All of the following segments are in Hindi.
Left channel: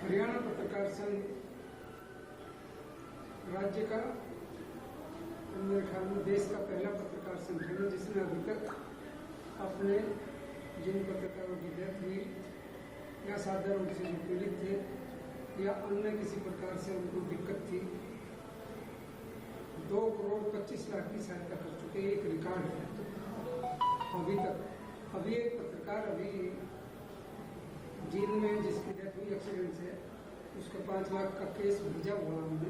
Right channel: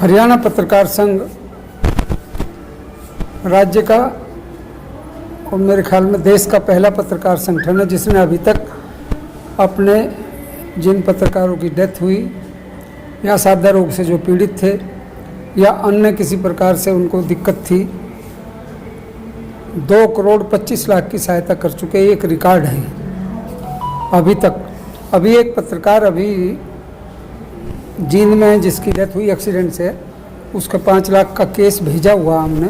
हरियाणा पत्रकार संघ राज्य का और मेरे ख्याल में देश का पहला पत्रकार संगठन है जिसने अभी तक अपने जिन पत्रकारों की डेथ हुई या सादा रोग से जो पीड़ित थे या अन्य किसी प्रकार से उनको दिक्कत थी 2,25,00,000 की सहायता कर चुके। एक रिकॉर्ड है अभी तक। अभी एक पत्रकार अभी जींद में जिसकी डेथ हुई एक्सीडेंट से, उसका 5 लाख का केस भेजा हुआ हमने,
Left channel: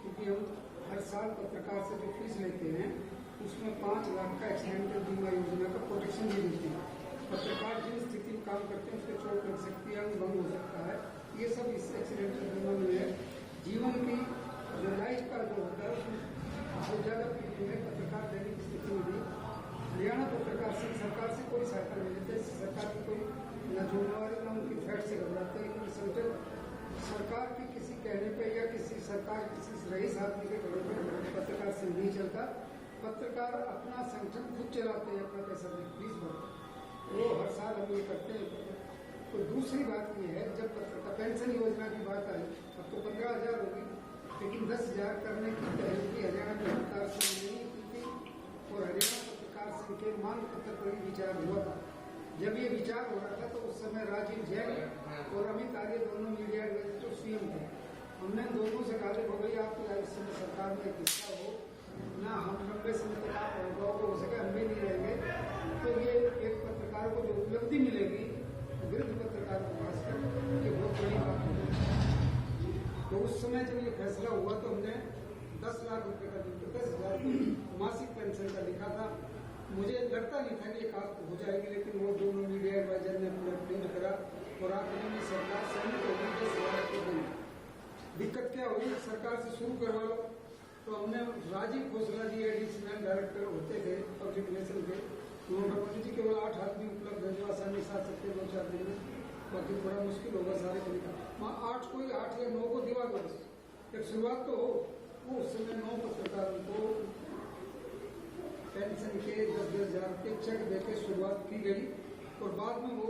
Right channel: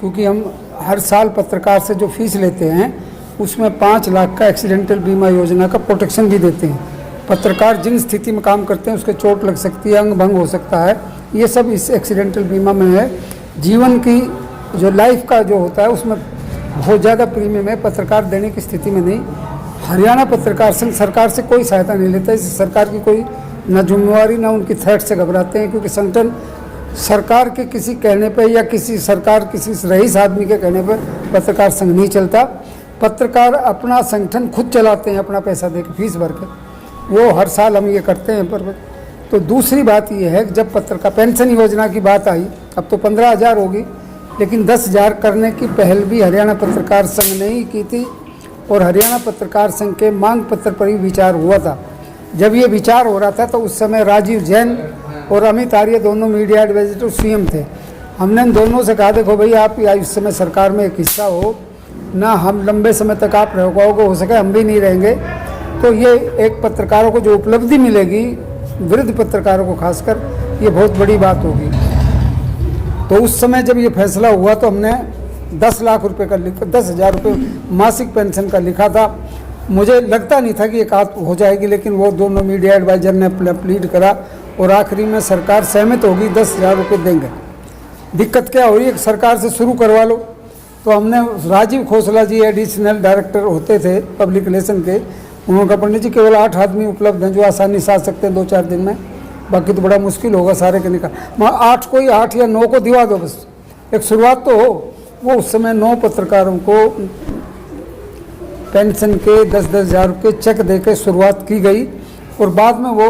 क्योंकि हम हर साल पत्रकार से जो फीस लेते हैं उसमें 5 लाख का एक्सीडेंटल बीमा योजना का प्रोटेक्शन भी देते हैं। पत्रकार जिन स्थिति में काम करते हैं उसके चोट लग सकती है, अंग भंग हो सकता है, ये सब इस एक्सीडेंटल बीमा में है। जीवन की जो लाइफ का जो होता है उसमें बहुत ज़्यादा प्रीमियम है, पत्रकार देने की स्थिति में नहीं। हरियाणा पत्रकार संघ सरकार से कोई सहायता नहीं लेता, इससे सरकार की कोई न जिम्मेवारी न उनकी थ्रेट से घबराते हैं, क्योंकि संगठन सरकार के किसी कहने पे या किसी रईस आदमी के कहने पे पत्रकार संघ नहीं चलता। पत्रकार अपना संगठन खुद चलाते हैं, अपना पैसा दे के फीस भर के, वो हर साल हम ये करते हैं। पर तो दूसरी बात ये है कि जब पत्रकार पेंशन योजना की बात आई, अब तो 15,000 होगी, लेकिन 10,000 करने की पहल भी हरियाणा पत्रकार संघ ने ही की थी और हरियाणा पत्रकार संघ के मांग पत्र पर ही विचार हुआ था। जब ये विचार हो रहा था तो उस समय राजीव जैन और अमित आर्य दोनों मीडिया एडवाइजर सीएम थे। हमने इन दोनों से कहा, देखो भाई आप इस समय सरकार में एक हिस्सा हो ना, हम लंबे समय तक आप रह पाओगे, हो सके हम भी नहीं रहेंगे, तो ये एक पत्रकारों को जो उपलब्धि मिलेगी, वृद्ध पत्रकारों को खासकर, ये बहुत बड़ी बात होगी। तो उस समय जब ये फैसला हुआ तो हमने 10 लाख रुपए का 10,000 रुपये मासिक पेंशन का लिखा था। मुझे लगता नहीं था कि ये बात हो जाएगी, लेकिन वो दोनों मीडिया एडवाइजर ने प्लीड करा और आखिरी में सरकार सहमत होगी, 10,000 रुपये देंगे। दिक्कत क्या हो रही है, सरकार से शुरू करवा लो। तो हमने राजीव खोसला जी एडिशनल डायरेक्टर होते थे पब्लिक रिलेशन के, उन्होंने कहा पंडित जी केवल 8 आदमी उपलब्ध हैं जो आसानी से आ सकते हैं 2-4 दिन में, बाकी तो बड़ा मुश्किल होगा सारे के निकाल। 8 या 9 को दिवा दो, बस एक शुरुआत तो हो। वो उस समय 9 पत्रकारों को पेंशन के 10,000 रुपये चेक दे के शुरुआत की गई और बाद में वो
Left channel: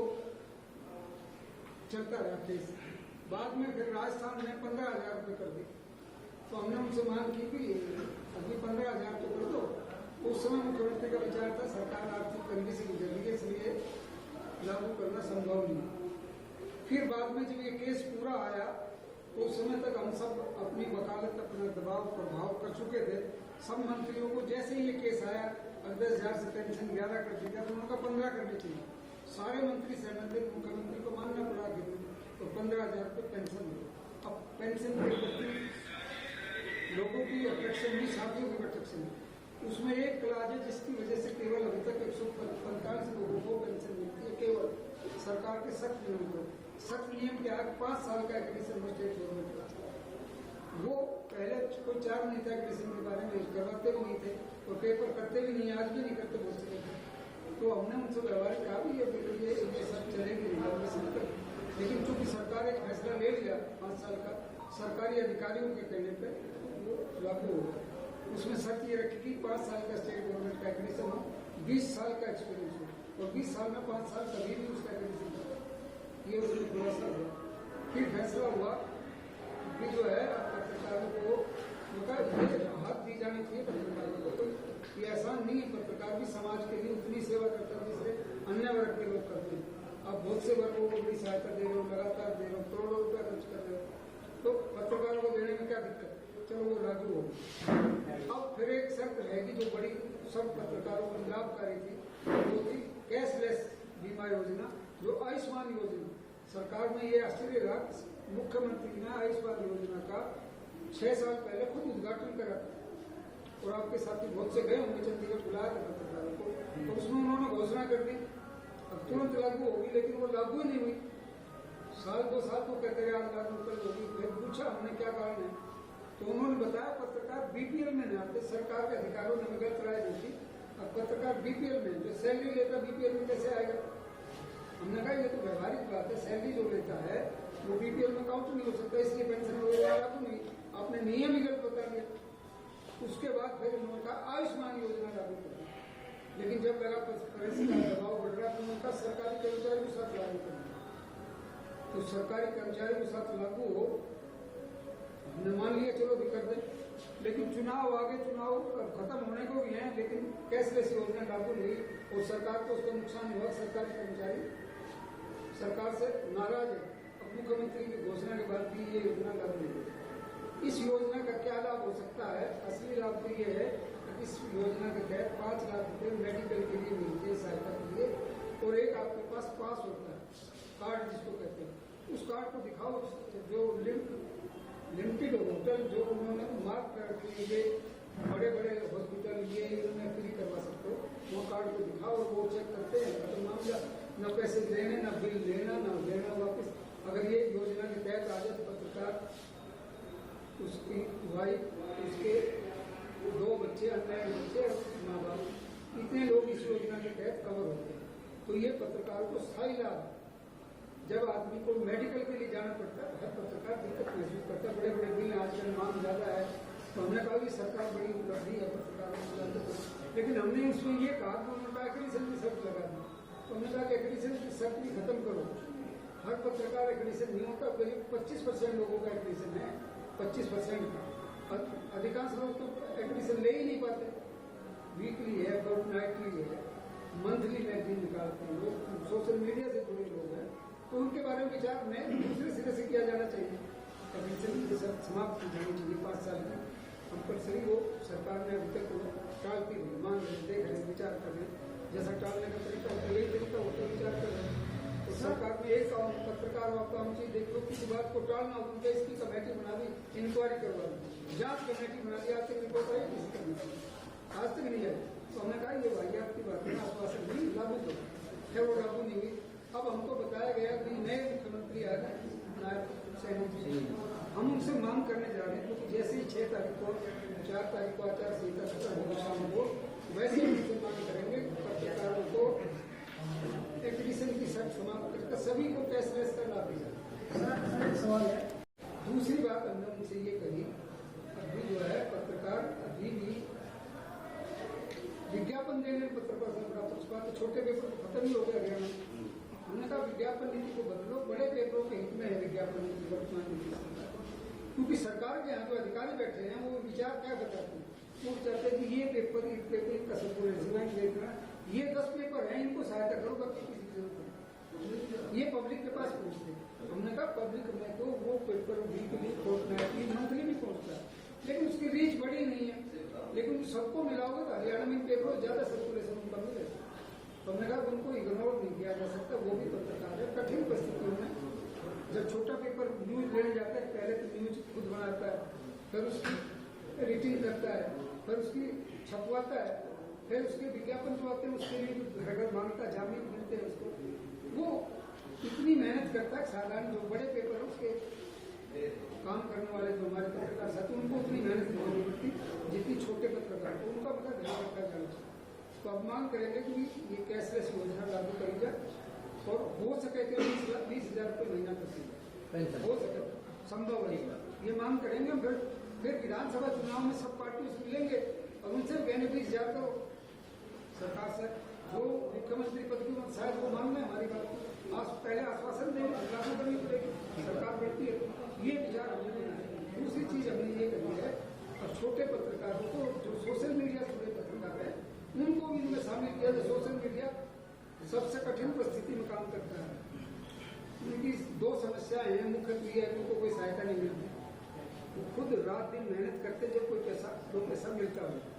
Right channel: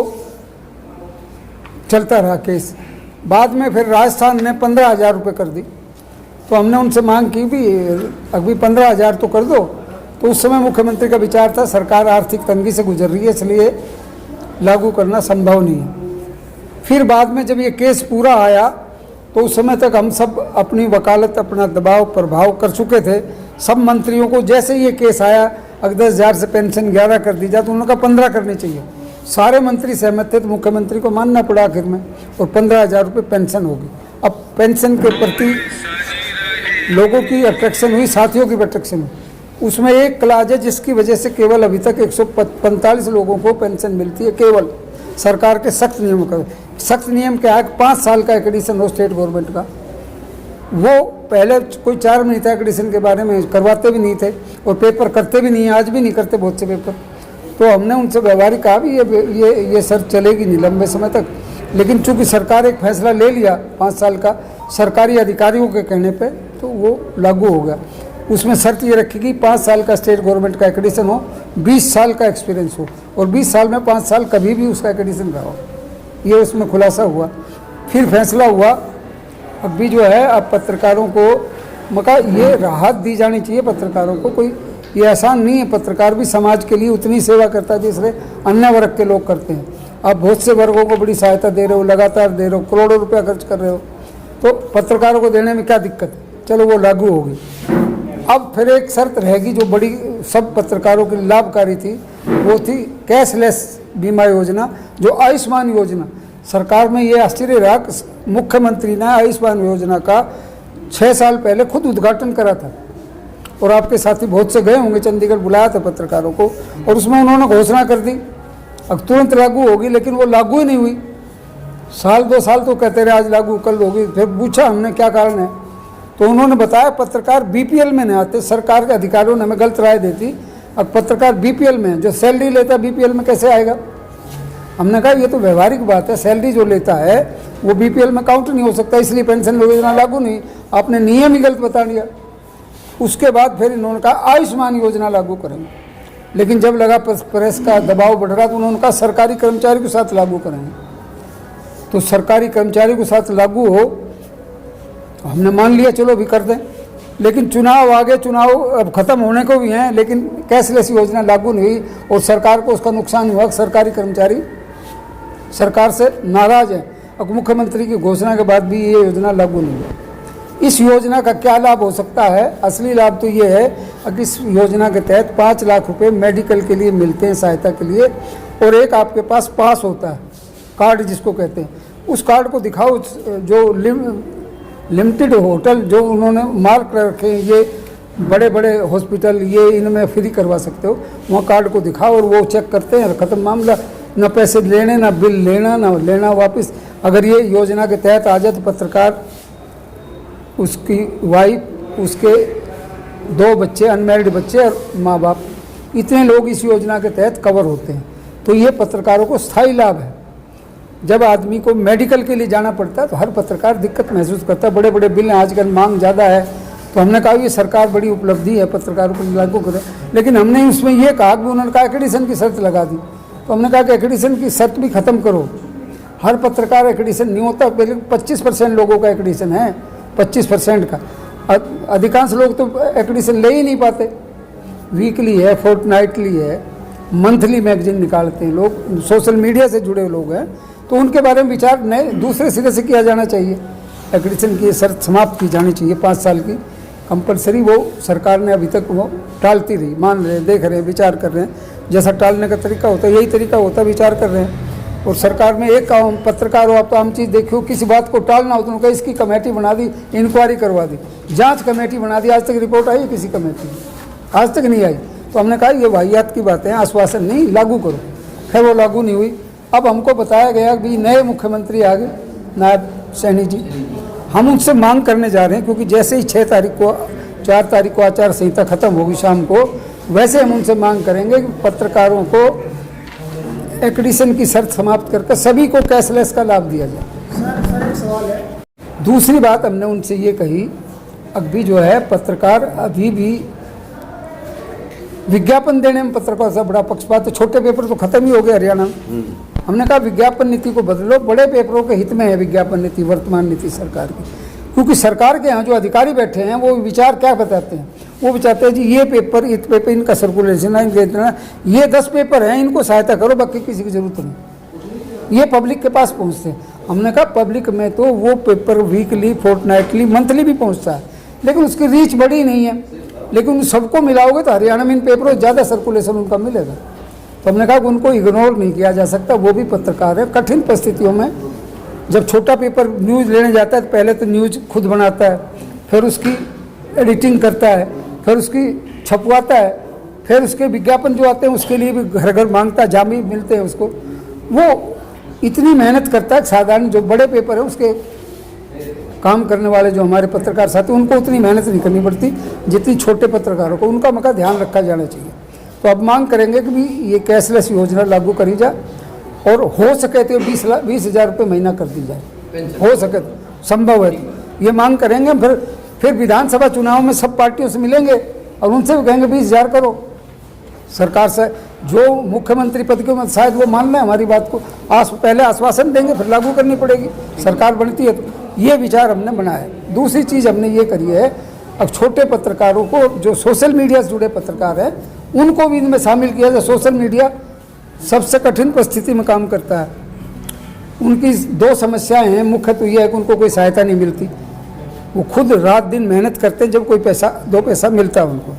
चलता रहा केस। बाद में फिर राजस्थान ने 15,000 रुपये कर दी, तो हमने उनसे मांग की भी अभी 15,000 तो कर दो। तो उस समय मुख्यमंत्री का विचार था सरकार आर्थिक तंगी से गुजर रही है, इसलिए लागू करना संभव नहीं है। फिर बाद में जब ये केस पूरा आया तो उस समय तक हम सब अपनी वकालत, अपना दबाव प्रभाव कर चुके थे। सब मंत्रियों को जैसे ये केस आया, अगर 10,000 से पेंशन 11 कर दी जाए तो उन्होंने कहा 15 करनी चाहिए। सारे मंत्री सहमत थे, तो मुख्यमंत्री को मानना पड़ा आखिर में, और 15,000 रुपये पेंशन होगी। अब पेंशन के प्रति लोगों की अट्रैक्शन हुई, साथियों की अट्रैक्शन हुई। उसमें एक क्लाज है जिसकी वजह से केवल अभी तक 145 लोगों को पेंशन मिलती है, केवल सरकार के सख्त नियम का। सख्त नियम क्या है, 5 साल का एक्रेडिशन हो स्टेट गवर्नमेंट का। वो पहले कोई 4 महीने था एक्रेडिशन के बारे में, करवाते भी नहीं थे और पेपर करते भी नहीं है, आज भी नहीं करते बहुत से पेपर। तो हमने उनसे व्यवहारिक कहा भी ये शर्त चलेगी नहीं लंबे समय तक, लेकिन चूंकि सरकार एक फैसला ले लिया 5 साल का सरकारी अधिकारियों के कहने पे, तो वो लागू हो गया। उसमें शर्त ये रखी कि 5 साल का स्टेट गवर्नमेंट का एक्रेडिशन हो, 20 साल का एक्सपीरियंस हो, और 20 साल में 5 साल कभी भी उसका एक्रेडिशन रहा हो। ये उसमें खुलासा हुआ। फिर फैसला हुआ अब भी जो है, अब पत्रकारों को मका ये राहत दी जानी चाहिए पत्रकारों को। कोई ये आसान नहीं है, पत्रकार भी समाज के लिए उतनी सेवा करता है जिससे अन्य वर्ग के लोग करते हैं। आप बहुत से वर्गों को बड़ी सहायता दे रहे हो, लगातार दे रहे हो, करोड़ों रुपया खर्च कर रहे हो, तो पत्रकारों को देने में क्या दिक्कत है? चलो वो लागू होगी। अब फिर एक शर्त रहेगी जो बड़ी सब पत्रकारों के लिए लाभकारी थी, वो थी कैशलेस बीमा योजना, जो आयुष्मान योजना। सरकार में ये आश्चर्य रहा, मुख्यमंत्री ने आयुष्मान योजना का 6 साल पहले खुद उद्घाटन करा था, और आपके साथी बहुत से गए होंगे, चंडीगढ़ बुलाया था पत्रकारों को, और उसमें उन्होंने घोषणा कर दी अब तुरंत लागू होगी, लेकिन वो लागू ही नहीं हुई। 1-2 साल तो कहते रहे आज लागू कल होगी। फिर पूछा हमने क्या कारण है, तो उन्होंने बताया पत्रकार बीपीएल में नहीं आते। सरकार के अधिकारियों ने हमें गलत राय दी थी, अब पत्रकार बीपीएल में, जो सैलरी लेता है बीपीएल में कैसे आएगा? हमने कहा ये तो व्यवहारिक बात है, सैलरी जो लेता है वो बीपीएल में काउंट नहीं हो सकता, इसलिए पेंशन योजना लागू नहीं। आपने नियम ही गलत बता दिया। उसके बाद फिर इन्होंने कहा आयुष्मान योजना लागू करेंगे, लेकिन जब लगा प्रेस का दबाव बढ़ रहा तो उन्होंने कहा सरकारी कर्मचारी के साथ लागू करेंगे। तो सरकारी कर्मचारी के साथ लागू हो, हमने मान लिया चलो भी कर दें, लेकिन चुनाव आगे, चुनाव अब ख़त्म होने को भी हैं, लेकिन कैशलेस योजना लागू नहीं हुई और सरकार को उसका नुकसान हुआ। सरकारी कर्मचारी सरकार से नाराज़ हैं। अब मुख्यमंत्री की घोषणा के बाद भी ये योजना लागू नहीं हुई। इस योजना का क्या लाभ हो सकता है? असली लाभ तो ये है कि इस योजना के तहत 5 लाख रुपए मेडिकल के लिए मिलते हैं, सहायता के लिए, और एक आपके पास पास होता है, कार्ड जिसको कहते हैं, उस कार्ड को दिखाओ। जो लिमिटेड होटल जो उन्होंने मार्क रखे हैं, ये बड़े बड़े हॉस्पिटल, ये इनमें फ्री करवा सकते हो, वहाँ कार्ड को दिखाओ और वो चेक करते हैं, ख़त्म मामला। ना पैसे लेने, ना बिल लेना, ना लेना वापस। अगर ये योजना के तहत आ जाए तो पत्रकार, उसकी वाइफ, उसके 2 बच्चे, अनमैरिड बच्चे और माँ बाप, इतने लोग इस योजना के तहत कवर होते हैं। तो ये पत्रकारों को स्थायी लाभ है। जब आदमी को मेडिकल के लिए जाना पड़ता है तो हर पत्रकार दिक्कत महसूस करता है। बड़े बड़े बिल हैं, आजकल मांग ज़्यादा है, तो हमने कहा ये सरकार बड़ी उपलब्धि है, पत्रकारों को लागू करें। लेकिन हमने उसमें ये कहा कि उन्होंने कहा एक्रेडिशन की शर्त लगा दी, तो हमने कहा कि एक्रेडिशन की शर्त भी ख़त्म करो। हर पत्रकार एक्रेडिशन नहीं होता, पहले 25% लोगों का एक्रेडिशन है, 25% का। अधिकांश लोग तो एक्रेडिशन ले ही नहीं पाते। वीकली है, फोर्टनाइटली है, मंथली मैगजीन निकालते हैं लोग, सोशल मीडिया से जुड़े लोग हैं, तो उनके बारे में विचार नए दूसरे सिरे से किया जाना चाहिए। एक्रेडिशन की शर्त समाप्त की जानी चाहिए, 5 साल की कंपलसरी। वो सरकार ने अभी तक वो टालती रही। मान रहे हैं, देख रहे हैं, विचार कर रहे हैं, जैसा टालने का तरीका होता है यही तरीका होता है, विचार कर रहे हैं। और सरकार में एक काम, पत्रकार हो आप तो आम चीज़ देखियो, किसी बात को टालना हो तो उनका इसकी कमेटी बना दी, इंक्वायरी करवा दी, जांच कमेटी बना दी। आज तक रिपोर्ट आई किसी कमेटी की? आज तक नहीं आई। तो हमने कहा ये वाहियात की बातें हैं, आश्वासन नहीं, लागू करो। खैर वो लागू नहीं हुई। अब हमको बताया गया कि नए मुख्यमंत्री आ गए, नायब सैनी जी। हम उनसे मांग करने जा रहे हैं, क्योंकि जैसे ही 4 तारीख को आचार संहिता खत्म होगी शाम को, वैसे हम उनसे मांग करेंगे कि पत्रकारों को एक्रेडिशन की शर्त समाप्त करके सभी को कैशलेस का लाभ दिया जाए। सर एक सवाल है। दूसरी बात हमने उनसे ये कही, अभी जो है पत्रकार अभी भी विज्ञापन देने में पत्रकारों से बड़ा पक्षपात है। छोटे पेपर तो खत्म ही हो गए हरियाणा में। हमने कहा विज्ञापन नीति को बदलो, बड़े पेपरों के हित में है विज्ञापन नीति, वर्तमान नीति सरकार की। क्योंकि सरकार के यहाँ जो अधिकारी बैठे हैं वो विचार क्या बताते हैं? वो बताते हैं जी ये पेपर, इस पेपर इनका सर्कुलेशन है, ये 10 पेपर हैं, इनको सहायता करो, बाकी किसी की जरूरत नहीं। ये पब्लिक के पास पहुँचते हैं। हमने कहा पब्लिक में तो वो पेपर वीकली, फोर्टनाइटली, मंथली भी पहुँचता है, लेकिन उसकी रीच बड़ी नहीं है। लेकिन सबको मिलाओगे तो हरियाणा में इन पेपरों ज़्यादा सर्कुलेशन उनका मिलेगा। तो हमने कहा कि उनको इग्नोर नहीं किया जा सकता, वो भी पत्रकार है। कठिन परिस्थितियों में जब छोटा पेपर न्यूज़ लेने जाता है तो पहले तो न्यूज़ खुद बनाता है, फिर उसकी एडिटिंग करता है, फिर उसकी छपवाता है, फिर उसके विज्ञापन जो आते हैं उसके लिए भी घर घर मांगता है, जामी मिलते हैं उसको। वो इतनी मेहनत करता है। साधारण जो बड़े पेपर है उसके काम करने वाले जो हमारे पत्रकार साथी, उनको उतनी मेहनत नहीं करनी पड़ती जितनी छोटे पत्रकारों को। उनका मका ध्यान रखा जाना चाहिए। तो अब मांग करेंगे कि भी ये कैशलेस योजना लागू करी जाए, और हो सके तो 20,000 रुपये महीना कर दी जाए, हो सके तो, संभव है तो ये मांग करेंगे। फिर विधानसभा चुनाव में सब पार्टियों से मिलेंगे और उनसे भी कहेंगे 20,000 करो। सरकार से जो मुख्यमंत्री पद के, शायद वो मान लें हमारी बात को, पहले आश्वासन देंगे, फिर लागू करनी पड़ेगी, सरकार बनती है तो। ये विचार हमने बनाया। दूसरी चीज़ हमने ये करी है, अब छोटे पत्रकारों को, जो सोशल मीडिया से जुड़े पत्रकार हैं, उनको भी इनमें शामिल किया जाए। सोशल मीडिया सबसे कठिन परिस्थिति में काम करता है। उनकी 2 समस्याएं हैं। मुख्य तो ये है कि उनको कोई सहायता नहीं मिलती। वो खुद रात दिन मेहनत करते हैं, जब कोई पैसा 2 पैसा मिलता है उनको,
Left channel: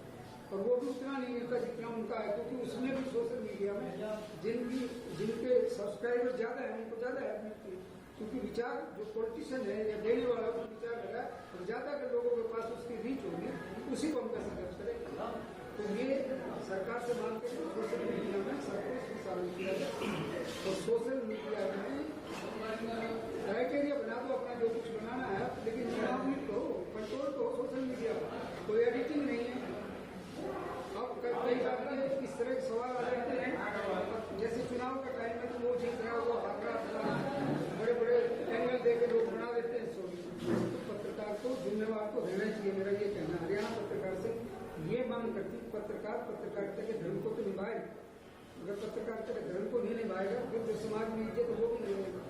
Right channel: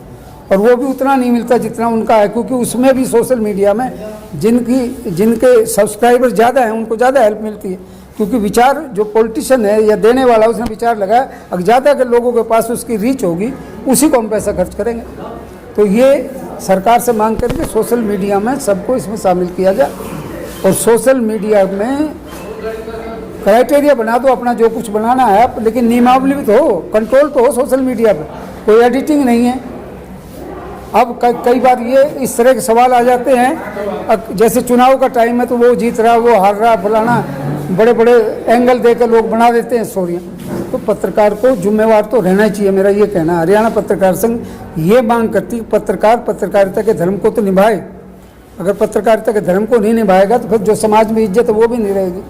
और वो भी उतना नहीं मिलता जितना उनका है, क्योंकि उसमें भी सोशल मीडिया में जिनके सब्सक्राइबर ज़्यादा हैं उनको ज़्यादा हेल्प मिलती है। क्योंकि विचार जो पॉलिटिशियन है या देने वाला, उसने विचार लगाया, अगर ज़्यादा अगर लोगों के पास उसकी रीच होगी, उसी को हम पैसा खर्च करेंगे। तो ये सरकार से मांग करके सोशल मीडिया में सबको इसमें शामिल किया जाए, और सोशल मीडिया में क्राइटेरिया बना दो अपना, जो कुछ बनाना है आप, लेकिन नियमावली भी तो हो, कंट्रोल तो हो सोशल मीडिया पर। कोई एडिटिंग नहीं है। अब कई बार ये इस तरह के सवाल आ जाते हैं, जैसे चुनाव का टाइम है तो वो जीत रहा, वो हार रहा, फलाना, बड़े बड़े एंगल देकर लोग बना देते हैं स्टोरियाँ। तो पत्रकार को जिम्मेवार तो रहना ही चाहिए, मेरा ये कहना है। हरियाणा पत्रकार संघ ये मांग करती है पत्रकार पत्रकारिता के धर्म को तो निभाए। अगर पत्रकारिता के धर्म को नहीं निभाएगा तो फिर जो समाज में इज्जत है वो भी नहीं रहेगी।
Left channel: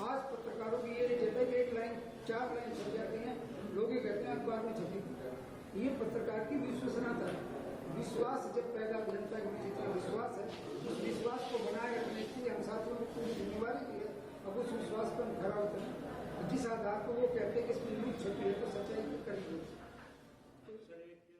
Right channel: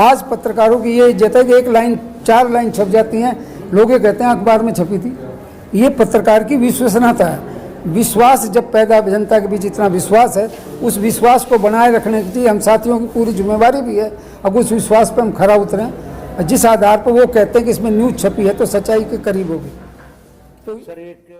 आज पत्रकारों की ये इज्जत है कि एक लाइन 4 लाइन छप जाती हैं, लोग ये कहते हैं अखबार में छपी थी। ये पत्रकार की विश्वसनीयता है। विश्वास जब पैदा, जनता के बीच इतना विश्वास है, उस विश्वास को बनाए रखने के लिए हम साथियों की पूरी जिम्मेवारी भी है। अब उस विश्वास पर हम खरा उतरें, जिस आधार पर वो कहते हैं कि इसमें न्यूज़ छपी है तो सच्चाई के करीब होगी। तो सर एक